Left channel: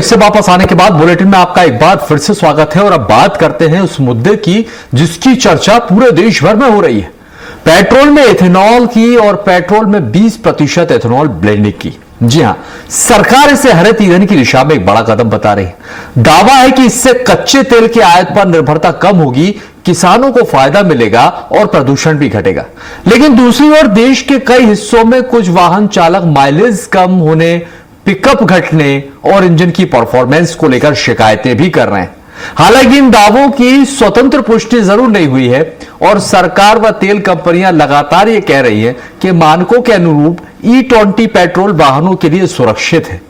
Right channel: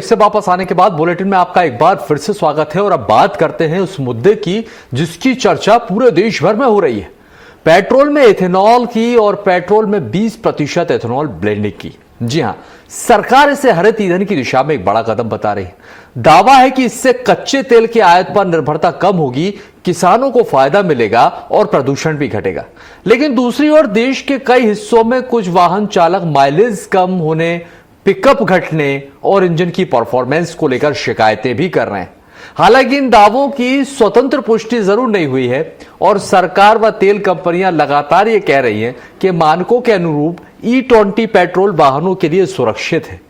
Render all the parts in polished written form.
Break से वापस आने के बाद बुलेटिन में आपका एक बार फिर से स्वागत है और अब बात करते हैं उस मुद्दे की जिसकी चर्चा पूरे देश भर में हो रही है, पेट्रोल में एथेनॉल की और पेट्रोल में 20% एथेनॉल ब्लेंडिंग की। जी हां, सरकार इसे हरित ईंधन की दिशा में एक बड़ा कदम बता रही है। दावा है कि इससे कच्चे तेल के आयात पर निर्भरता कम होगी, किसानों को फायदा मिलेगा और प्रदूषण भी घटेगा। लेकिन दूसरी ओर देश के कई हिस्सों में कुछ वाहन चालक माइलेज कम होने, पिकअप घटने और इंजन की परफॉर्मेंस को लेकर शिकायतें भी कर रहे हैं। हालांकि इन दावों की स्वतंत्र पुष्टि जरूर नहीं हुई है और सरकार व तेल कंपनियां लगातार ये कह रही हैं कि मानकों के अनुरूप E20 पेट्रोल वाहनों के लिए सुरक्षित है।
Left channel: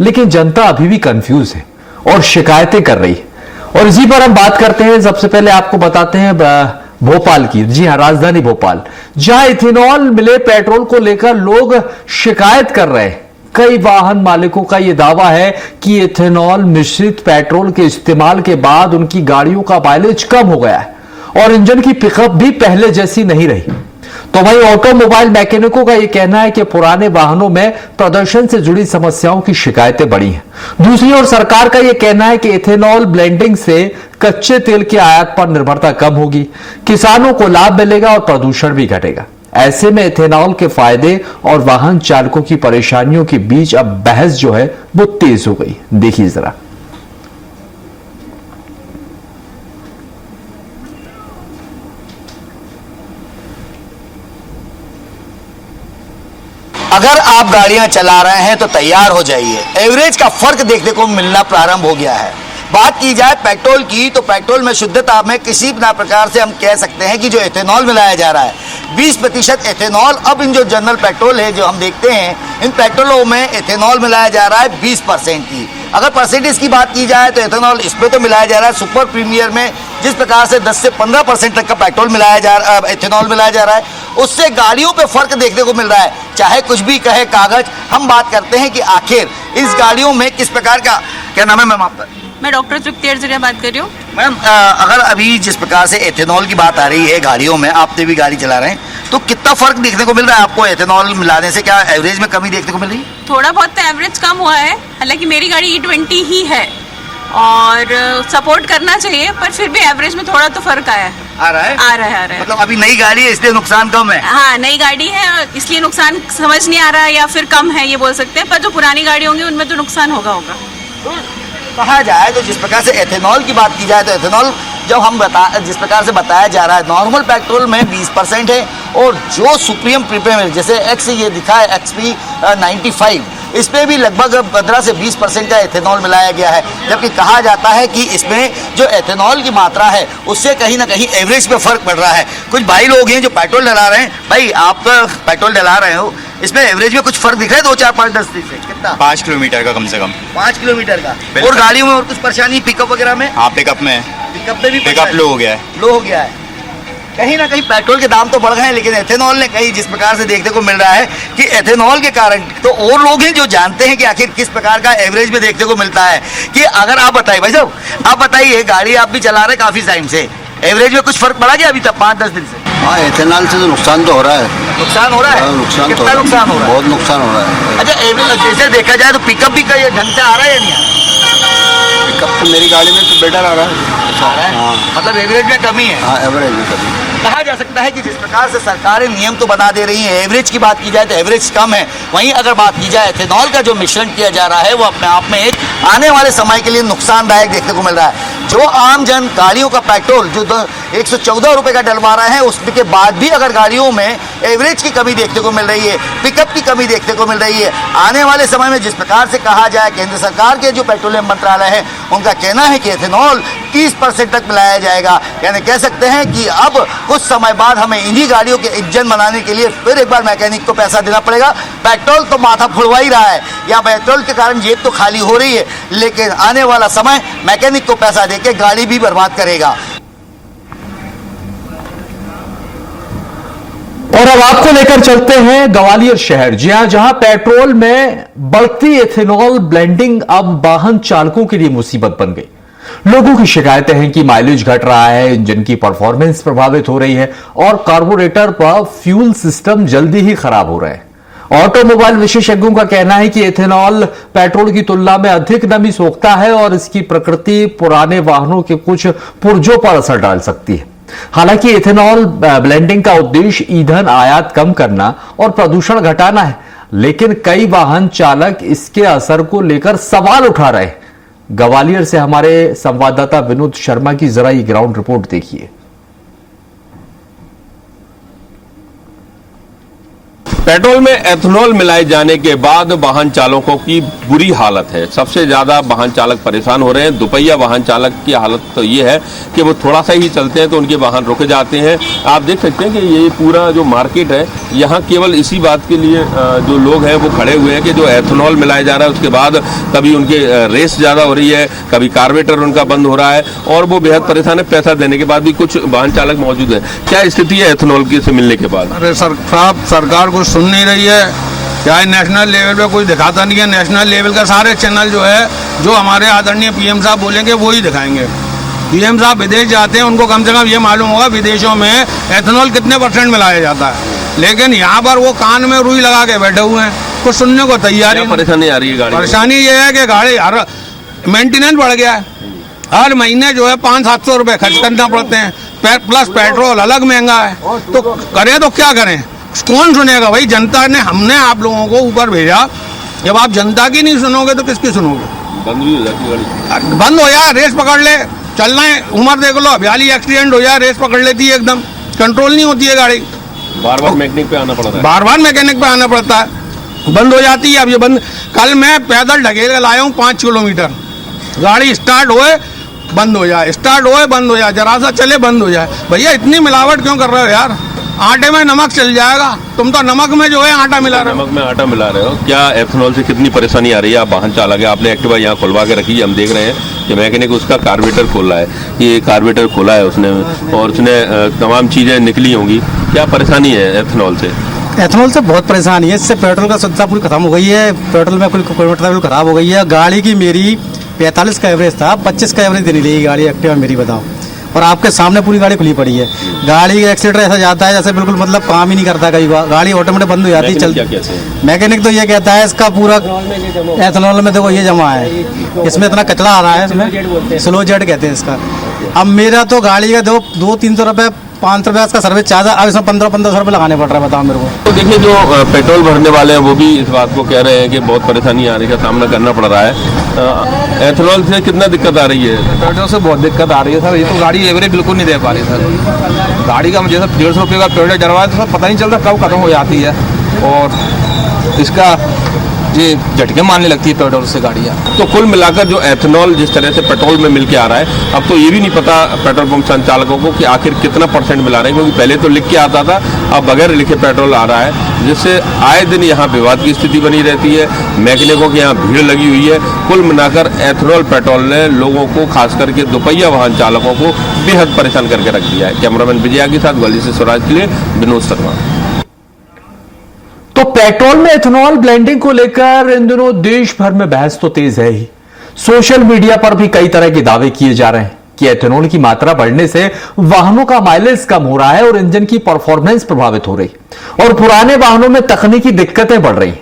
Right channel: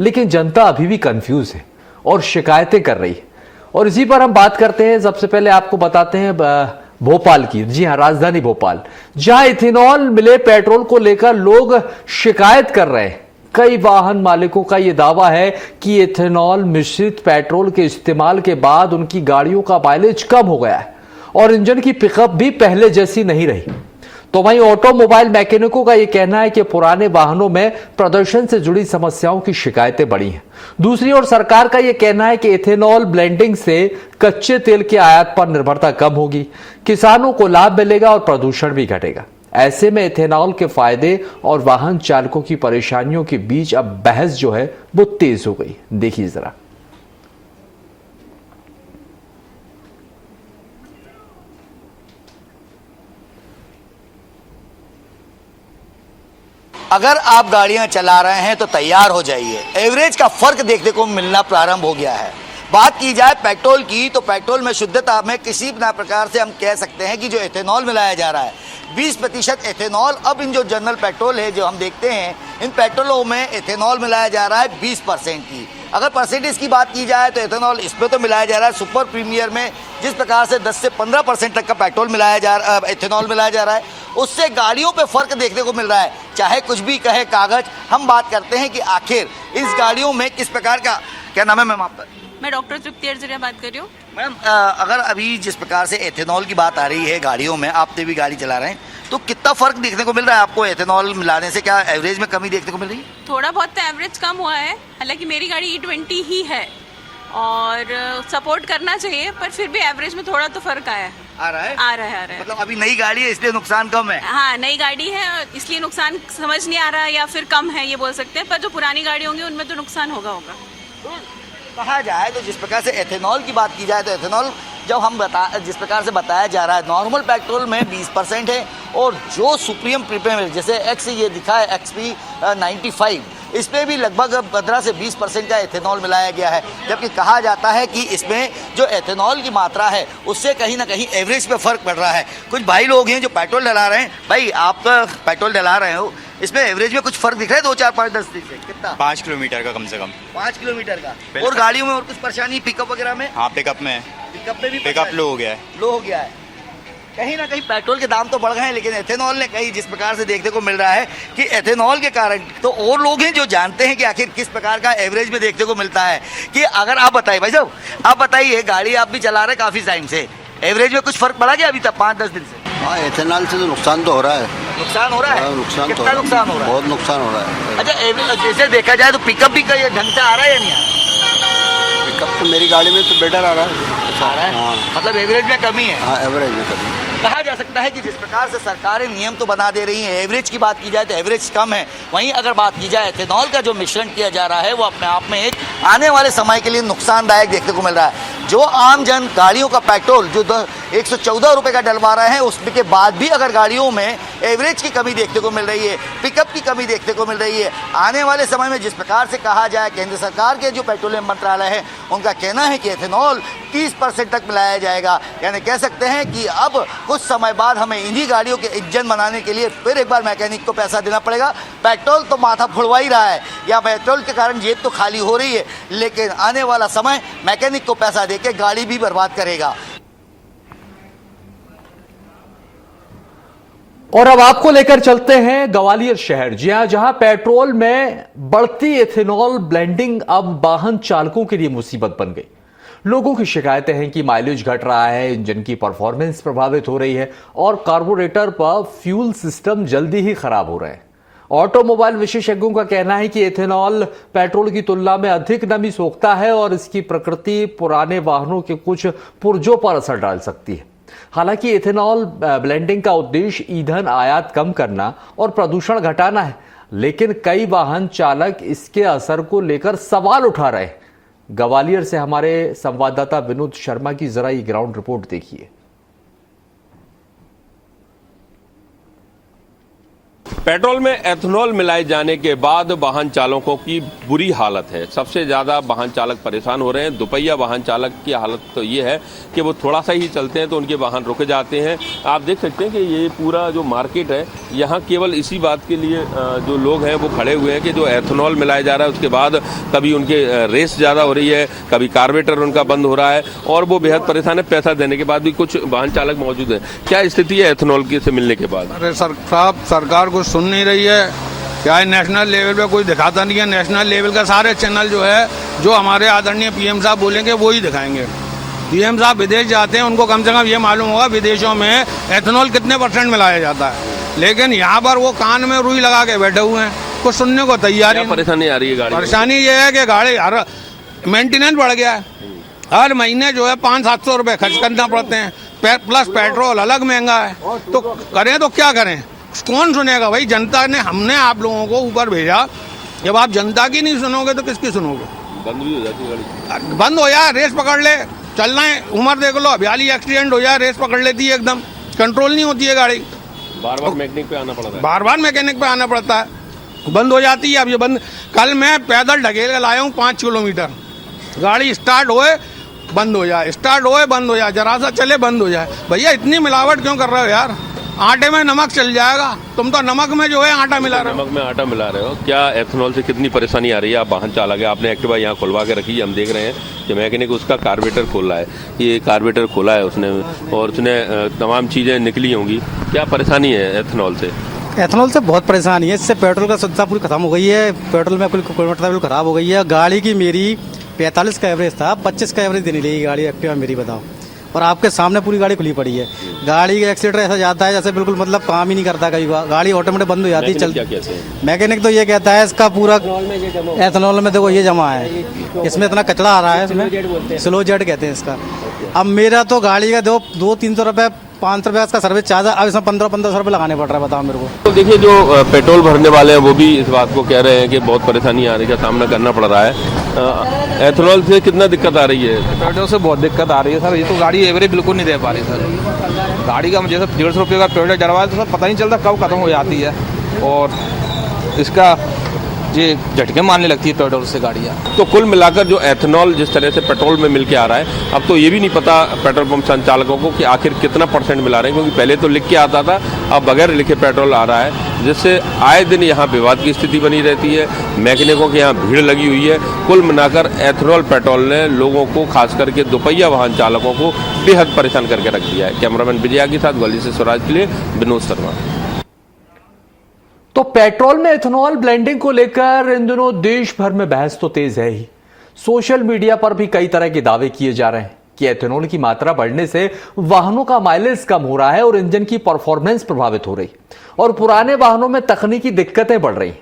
लेकिन जनता अभी भी कंफ्यूज है और शिकायतें कर रही है और इसी पर हम बात करते हैं। सबसे पहले आपको बताते हैं भोपाल की, जी हां, राजधानी भोपाल, जहां इथेनॉल मिले पेट्रोल को लेकर लोग शिकायत कर रहे हैं। कई वाहन मालिकों का यह दावा है कि इथेनॉल मिश्रित पेट्रोल के इस्तेमाल के बाद उनकी गाड़ियों का माइलेज कम हो गया है और इंजन की पिकअप भी पहले जैसी नहीं रही। तो वहीं ऑटोमोबाइल मैकेनिकों का यह कहना है कि पुराने वाहनों में प्रदर्शन से जुड़ी समस्याओं की शिकायतें बढ़ी हैं। दूसरी ओर सरकार का यह कहना है कि इथेनॉल ब्लेंडिंग से कच्चे तेल के आयात पर निर्भरता कम होगी, किसानों को लाभ मिलेगा और प्रदूषण भी घटेगा। ऐसे में इथेनॉल के फायदे और वाहन चालकों की परेशानियों के बीच अब बहस जो है वो तेज हो गई। देखिए जरा। अगर आप गाड़ियां चला रहे हैं तो तैयार हो जाइए, एवरेज का फर्क देखने को मिलना प्रारंभ हो गया है। बात की जाए पेट्रोल की तो पेट्रोल में शुद्धता में किसी ना प्रकार से हम कह सकते हैं कि जो एथेनॉल मिलाया जा रहा है 20% एथेनॉल। अब इन जो जनरल पेट्रोल है जो हम देखते हैं इन पेट्रोलों में एथेनॉल मिलाया जा रहा है 20% की। अगर परसेंटेज की बात की जाए तो एथेनॉल इसमें तो मिलाया जा रहा है सुपर प्रीमियर में जिस प्रकार से 10 से 15% तक का पेट्रोल मिलाया जा रहा है, एथेनॉल मिलाया जा रहा है, उससे गाड़ियों पे फर्क देखने को मिल रहा है। चाहे कुछ भी कहे कागज, हम बात करते हैं कि आखिर इस गाड़ियों में किस प्रकार का, क्या नाम है मैम आपका? मैं डॉक्टर तृप्ति अर्जुनिया बात कर रही हूँ। मैम अगर अभी जिस प्रकार से एथेनॉल की बात आ रही है गाड़ियों में, आपने भी गाड़ी चला रहे हैं, तो कितना फर्क देखने को मिल रहा है आपको एथेनॉल मिलाने से? क्या एवरेज में कमी देखने को मिल रही है? थोड़ा बहुत तो एवरेज कम हुआ है, हालांकि मेरी गाड़ी E20 ही है और सपोर्ट करना चाहिए, पर फिर भी एवरेज में थोड़ा तो फर्क आया है। आ रहा है? आ रहा है। मतलब अभी नई गाड़ी है इसलिए नुकसान कम है? हाँ, नई गाड़ी है इसलिए नुकसान समझ नहीं आ रहा है या फिर कम है ये बोल सकते हैं, पर जो पुरानी गाड़ी होंगी उनमें तो नुकसान होगा। कहा जाए तो जिस प्रकार से एथेनॉल की बात की जाए तो एथेनॉल जब हम जिस प्रकार से बताया जा रहा है नॉर्मल पेट्रोल में 20% है और जो सुप्रीम प्रीमियम जैसे एक्स ये दिखा है XP 95 इसमें भी लगभग 15 से 20% का एथेनॉल मिलाया गया है। जबकि कहा जाता है कि इसमें जो एथेनॉल की मात्रा है उससे कहीं ना कहीं एवरेज पे फर्क पड़ रहा है। कुछ भाई लोग हैं जो पेट्रोल डला रहे हैं। भाई आप तो पेट्रोल डला रहे हो, इसमें एवरेज में कुछ फर्क दिख रहा है 2, 4, 5, 10 से? कितना? 5 किलोमीटर का कम से कम। 5 किलोमीटर का। और गाड़ियों में और कुछ परेशानी पिकअप वगैरह में? हाँ, पिकअप में भी पिकअप लो हो गया है। लो हो गया है। कहीं ना कहीं पेट्रोल के दाम तो बढ़ गए हैं, लेकिन एथेनॉल ने कहीं जिस प्रकार से देखने को मिल रहा है कि एथेनॉल के कारण तो और लोग हैं जो जानते हैं कि आखिर किस प्रकार का एवरेज में देखने को मिलता है। कि अगर आप बताइए भाई साहब, आप बताइए गाड़ी आप भी चला रहे काफी टाइम से, एवरेज में कुछ फर्क पड़ा क्या अभी तक 5-10 दिन से? हाँ, एथेनॉल से तो नुकसान तो हो रहा है। नुकसान हो रहा है? नुकसान तो कितना नुकसान हो रहा है? बहुत नुकसान हो रहा है। अच्छा, एवरेज जैसे देखा जाए तो पिकअप भी कहीं ढंग से आ रहा है या नहीं आ रहा? पिकअप तो मेरी गाड़ी में तो बेटर आ रहा है। हाँ, मतलब एवरेज में कमी है? हाँ, एवरेज में कमी। कहा जा सकता है कि जिस प्रकार से सरकारें नियम तो बना दे रही हैं, एवरेज की बात की जाए तो एवरेज कम है, वहीं अगर बात की जाए एथेनॉल का जो मिश्रण किया जा रहा है वो अपने आप में एक आने वाले समय के लिए नुकसानदायक देखने को मिल रहा है। जो आम जन गाड़ियों का पेट्रोल जो 114 रुपये का डलवा रहे हैं उसके बाद भी अगर गाड़ियों में एवरेज की कमी देखने को मिल रही है, पिकअप की कमी देखने को मिल रही है, आने वाले समय में जिस प्रकार से कहा जाए केंद्र सरकार के जो पेट्रोलियम मंत्रालय है उनका कहना है कि एथेनॉल 30% तक मिलाया जाएगा। यानी कह सकते हैं कि अब कुछ समय बाद हमें इन्हीं गाड़ियों के इंजन बनाने के लिए फिर एक बार मैकेनिक को पैसा देना पड़ेगा। पेट्रोल तो माथा फुलवा ही रहा है या पेट्रोल के कारण जेब तो खाली हो रही है, लेकिन आने वाला समय मैकेनिक को पैसा देके गाड़ी भी बर्बाद करेगा। और अब आपको लेकर चलते हैं ग्वालियर शहर, जहां पेट्रोल में बढ़ती एथेनॉल ब्लेंडिंग अब वाहन चालकों के लिए मुसीबत बन गई। लोगों की शिकायतें हैं कि माइलेज घट रहा है, इंजन की परफॉर्मेंस प्रभावित हो रही है और कार्बोरेटर पर फ्यूल सिस्टम जल्दी ही खराब हो रहा है। ऑटोमोबाइल विशेषज्ञों का कहना है कि एथेनॉल पेट्रोल की तुलना में अधिक नमी सोखता है और इसकी प्रकृति पुराने वाहनों के कुछ पुर्जों पर असर डाल सकती है। हालांकि एथेनॉल ब्लेंडिंग का उद्देश्य ईंधन आयात कम करना और प्रदूषण घटाना है, लेकिन कई वाहन चालक इसके असर को लेकर सवाल उठा रहे हैं। ग्वालियर से हमारे संवाददाता विनोद शर्मा की जरा ये ग्राउंड रिपोर्ट देखिए। पेट्रोल में एथेनॉल मिलाए जाने के बाद वाहन चालकों की बुरी हालत है। सबसे ज्यादा वाहन चालक परेशान हो रहे हैं। दोपहिया वाहन चालक की हालत तो ये है कि वो थोड़ा सा ही चलते हैं तो उनके वाहन रुक जाते हैं। आप देख सकते हैं कि ये पूरा जो मार्केट है, यहाँ केवल इसी बात के लिए जो लोग हैं वो खड़े हुए हैं कि जो एथेनॉल मिलाया जा रहा है उसके बाद कभी उनके रेस ज्यादा हो रही है, कभी कार्बोरेटर उनका बंद हो रहा है और वो बेहद परेशान है। पैसा देने के बाद भी कुछ वाहन चालक मौजूद है। क्या स्थिति है एथेनॉल की से मिलने के बाद? अरे सरकार कुछ सुन नहीं रही है, क्या है नेशनल लेवल पे कोई दिखाता नहीं है। नेशनल लेवल का सारे चैनल जो है, जो हमारे आदरणीय पीएम साहब बोलेंगे वो ही दिखाएंगे। पीएम साहब विदेश जाते हैं, उनको कम से कम ये मालूम होगा विदेशों में एथेनॉल कितने % मिलाया जाता है, लेकिन यहाँ पर वो कान में रुई लगा के बैठे हुए हैं, कुछ सुनने को तैयार है। परेशानी आ रही है गाड़ी? परेशानी ये है कि गाड़ी हर मेंटेनेंस बढ़ गया है, हर महीने जो है 500-700 रुपए खर्च करना पड़ते हैं, प्लस पेट्रोल अलग महंगा है। तो करें तो क्या करें, कौन सुनेगा भाई? जनता ने, हमने आप लोगों को ऊपर भेजा, जब आप जनता की नहीं सुनोगे तो किसकी सुनोगे? बंद भी हो जाती है गाड़ी। बंद हो जाए, रेस पकड़ ले, चलना है उम्र देख लो, 42 एक्सीडेंट हो जाए, रेस पकड़ लेती है, एकदम कंट्रोल नहीं होती है गाड़ी। बार बार मैकेनिक पे आना पड़ता है। बार बार मैकेनिक पे आना पड़ता है, बंद हो जाती है। अब ये बंद, कल मैं पैदल ढकेल लाया हूँ 5 किलोमीटर, गाड़ी स्टार्ट होए बंद हो जाए, स्टार्ट होए बंद हो जाए, जरा सा चले बंद हो जाए। भैया इतनी मिलावट क्यों कर रहे हो यार? आटे में नमक चल जाएगा, तुम तो नमक में जो है आटा मिला रहे हो। नमक में आटा मिला रहे हो। क्या एथेनॉल से कितनी परेशानी आ रही है? आप वाहन चालक है, आपने एक्टिवा यहाँ खुलवा के रखी है, हम देख रहे हैं कि मैकेनिक उसका कार्बोरेटर खोला है, ये कार्बोरेटर खोला है उसने और उसने तमाम चीजें निकली होंगी। क्या परेशानी है एथेनॉल से? एथेनॉल से बहुत परेशानी है। इससे पेट्रोल का शुद्धता पूरी खत्म हो गई है, पेट्रोल में कुल किलोमीटर खराब हो गई है। गाड़ी की मेरी 45 का एवरेज था, 25 का एवरेज देनी रही गाड़ी एक्टिवा मेरी, बताओ। और आपके सामने पूरी गाड़ी खुली पड़ी है, गाड़ी का एक्सीटर ऐसा जाता है जैसे बिल्कुल मतलब काम ही नहीं करता, कई बार गाड़ी ऑटोमेटिक बंद हो जाती है। चल मैकेनिक तो ये कहता है इसका पूरा एथेनॉल में देखो ये जमा है, इसमें इतना कचरा आ रहा है, इसमें स्लो जेट कहते हैं इसका। अब मेरा तो गाड़ी का 200-300 रुपये 500 रुपये इसका सर्विस चार्ज है, अब इसमें 1500 रुपये लगाने पड़ रहा है, बताओ मेरे को। तो देखिए जो पेट्रोल भरने वाले हैं वो भी इस बात को कह रहे हैं कि बहुत परेशानी आ रही है, सामना करना पड़ रहा है। एथेनॉल से कितना दिक्कत आ रही है? पेट्रोल से बहुत दिक्कत आ रही है सर। ये तो गाड़ी एवरेज बिल्कुल नहीं दे पा रही सर। गाड़ी का मुझे सर 150 रुपये का पेट्रोल डलवाए तो सर पता नहीं चलता कब खत्म हो जाती है, और इसका ये झटके मारने लगती है पेट्रोल से गाड़ियाँ। तो कुल मिलाकर जो एथेनॉल जिस तरह से पेट्रोल में मिल के आ रहा है, अब तो ये भी नहीं पता पेट्रोल पंप संचालकों को कि आखिर कितना % मिला रहे हैं, क्योंकि पहले तो लिख के आता था, अब बगैर लिखे पेट्रोल आ रहा है, जिससे आए दिन यहाँ विवाद की स्थिति बनी रहती है। मैकेनिकों की यहाँ भीड़ लगी हुई है। कुल मिलाकर एथेनॉल पेट्रोल ने लोगों को, खास करके दोपहिया वाहन चालकों को बेहद परेशान करके रख दिया है। कैमरामैन विजया के साथ ग्वालियर से स्वराज के लिए विनोद शर्मा। तो पेट्रोल में एथेनॉल ब्लेंडिंग को लेकर इन दिनों देश भर में बहस तो तेज है ही। सोशल मीडिया पर भी कई तरह के दावे किए जा रहे हैं कि एथेनॉल की मात्रा बढ़ने से वाहनों का माइलेज कम हो रहा है और इंजन की परफॉर्मेंस प्रभावित हो रही और पुराने वाहनों में तकनीकी दिक्कतें बढ़ रही।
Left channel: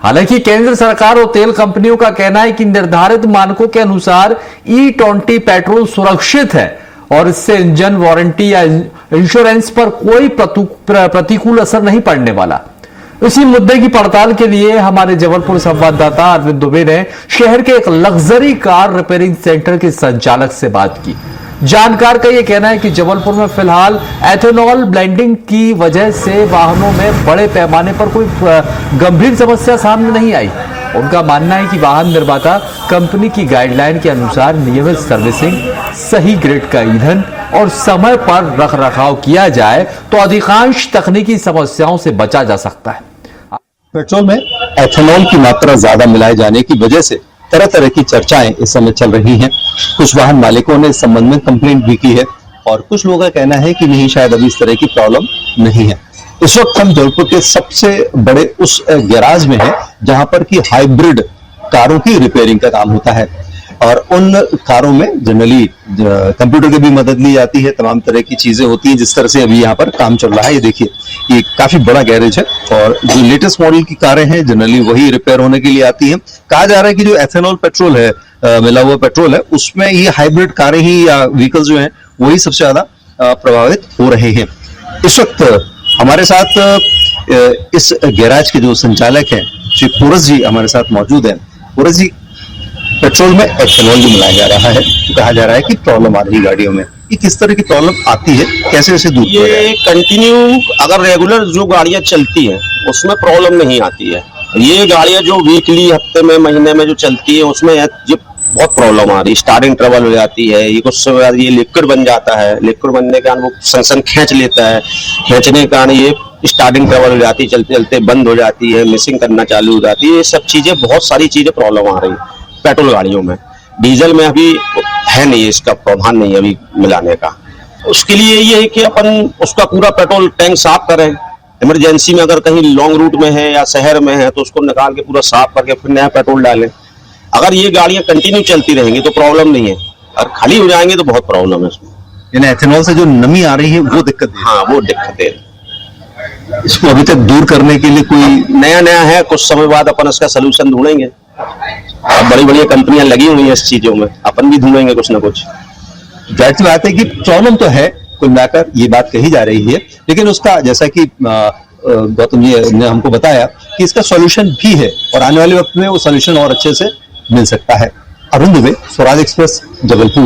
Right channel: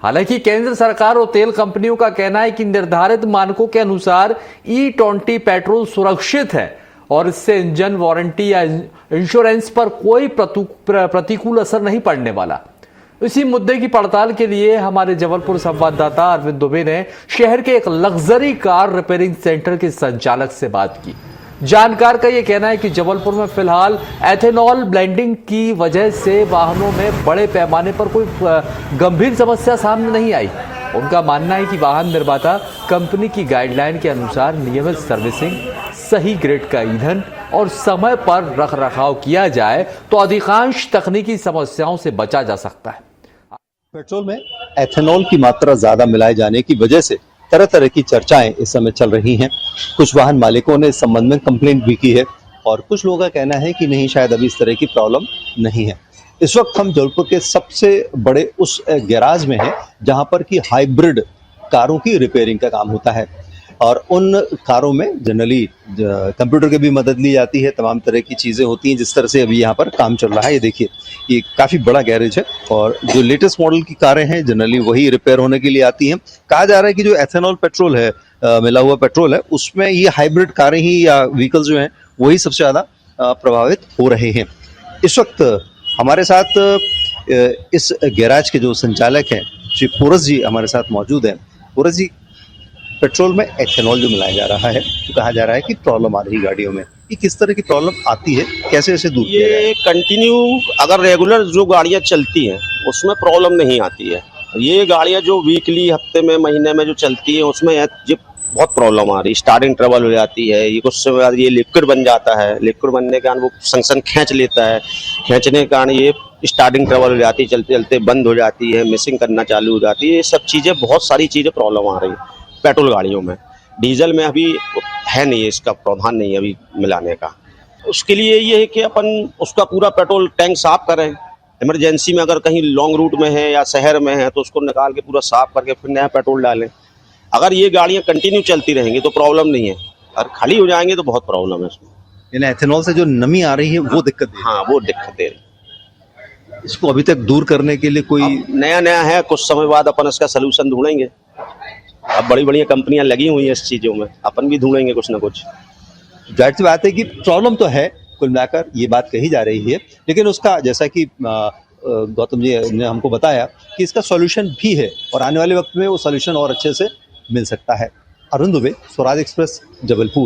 हालांकि केंद्र सरकार और तेल कंपनियों का कहना है कि निर्धारित मानकों के अनुसार E20 पेट्रोल सुरक्षित है और इससे इंजन वारंटी या इंश्योरेंस पर कोई प्रतिकूल असर नहीं पड़ने वाला। इसी मुद्दे की पड़ताल के लिए हमारे जबलपुर संवाददाता अरविंद दुबे ने शहर के एक लग्जरी कार रिपेयरिंग सेंटर के संचालक से बात की। जानकार का यह कहना है कि जबलपुर में फिलहाल एथेनॉल ब्लेंडिंग की वजह से वाहनों में बड़े पैमाने पर कोई गंभीर समस्या सामने नहीं आई। उनका मानना है कि वाहन निर्माता कंपनी की गाइडलाइन के अनुसार नियमित सर्विसिंग, सही ग्रेड का ईंधन और समय पर रखरखाव किया जाए तो अधिकांश तकनीकी समस्याओं से बचा जा सकता है। पेट्रोल में एथेनॉल की मात्रा ज्यादा मिलाए जाने की वजह से तरह तरह की चर्चाएं इस समय चल रही हैं। कुछ वाहन मालिकों ने इस संबंध में कंप्लेंट भी की है और कुछ लोगों का कहना है कि नहीं, शायद अभी इस तरह की प्रॉब्लम नहीं है। इस वक्त हम जबलपुर के सबसे बड़े उस गैराज में हैं जहां पर की हाइब्रिड कारों की रिपेयरिंग का काम होता है। और उन कारों में जनरली कंप्यूटर की भी मदद ली जाती है, तमाम तरह की चीजें होती हैं। जिस तरह से अभी यहाँ पर काम चल रहा है, ये देखिए, ये काफी बड़ा गैरेज है और जो लेटेस्ट मॉडल की कारें हैं जनरली वही रिपेयर होने के लिए आती हैं। कहा जा रहा है कि जो एथेनॉल पेट्रोल है, मिला हुआ पेट्रोल है, उसमें ये हाइब्रिड कारें ही या व्हीकल्स जो हैं वही सबसे ज्यादा प्रभावित हो रहे हैं। इस वक्त हमारे साथ इस गैराज के जो संचालक हैं श्री पोरस जी हमारे साथ मौजूद हैं। पोरस जी, पेट्रोल में एथेनॉल जो मिलाया जा रहा है, तो कहा जा रहा है कि प्रॉब्लम आ रही है गाड़ियों में, ये किस तरह की प्रॉब्लम आती है, कैसे कैसे दूर? ये कंटिन्यू अगर रेगुलर जो गाड़ियां चलती हैं उसमें प्रॉब्लम नहीं आती है। ये गाड़ियां जो वीकली, हफ्ते में, महीने में जो चलती है उसमें ये बहुत प्रॉब्लम आ रही है। स्टार्टिंग ट्रबल हो जाती है, ये कुछ समय बाद ये लिक्विड बन जाता है, लिक्विड बनने के कारण वो सन खींच लेता है, खींचने के कारण ये स्टार्टिंग ट्रबल हो जाती है, चलते चलते बंद हो जाती है, मिसिंग करना चालू हो जाती है। ये सब चीजें, बहुत सारी चीजें प्रॉब्लम आ रही है पेट्रोल गाड़ियों में। डीजल में अभी है नहीं, इसका प्रावधान नहीं है अभी मिलाने का। उसके लिए ये है कि अपन उसका पूरा पेट्रोल टैंक साफ करें। इमरजेंसी में अगर कहीं लॉन्ग रूट में है या शहर में है तो उसको निकाल के पूरा साफ करके फिर नया पेट्रोल डालें। अगर ये गाड़ियां कंटिन्यू चलती रहेंगी तो प्रॉब्लम नहीं है, और खाली हो जाएंगे तो बहुत प्रॉब्लम है उसमें। यानी एथेनॉल से जो नमी आ रही है वो दिक्कत है। हाँ, वो दिक्कत है। इसको अभी तक दूर करने के लिए कोई नया है, कुछ समय बाद अपन इसका सोल्यूशन ढूंढेंगे। बड़ी बड़ी कंपनियां लगी हुई हैं इस चीजों में, अपन भी ढूंढेंगे कुछ ना कुछ। जाहिर सी बात है कि प्रॉब्लम तो है, कुल मिलाकर ये बात कही जा रही है, लेकिन उसका जैसा कि गौतम जी ने हमको बताया कि इसका सॉल्यूशन भी है और आने वाले वक्त में वो सॉल्यूशन और अच्छे से मिल सकता है। अरुण दुबे, स्वराज एक्सप्रेस, जबलपुर।